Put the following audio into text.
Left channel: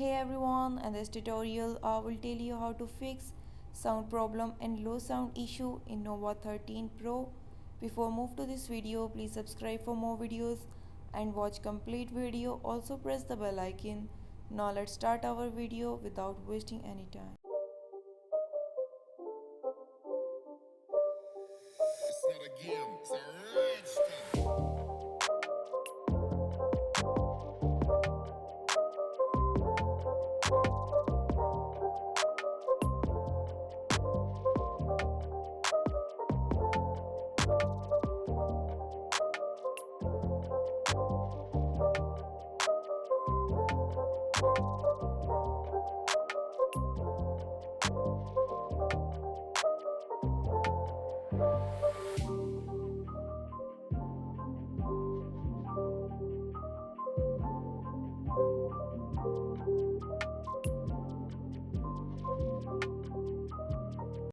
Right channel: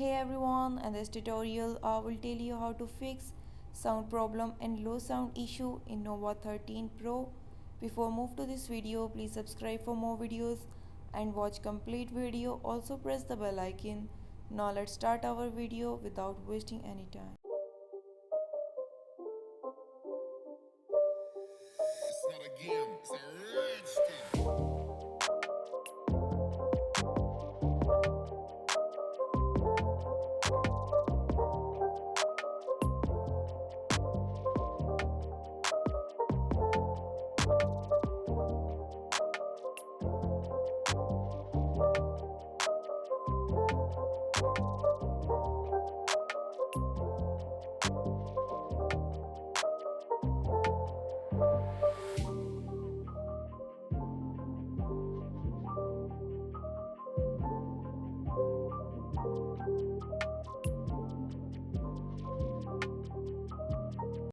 Hey everyone, in this tutorial I will tell you how to fix sound problem and low sound issue in Nova 13 Pro. Before move to this video, please subscribe for more videos and watch complete video. Also press the bell icon. Now let's start our video without wasting any time. It's not a game, it's a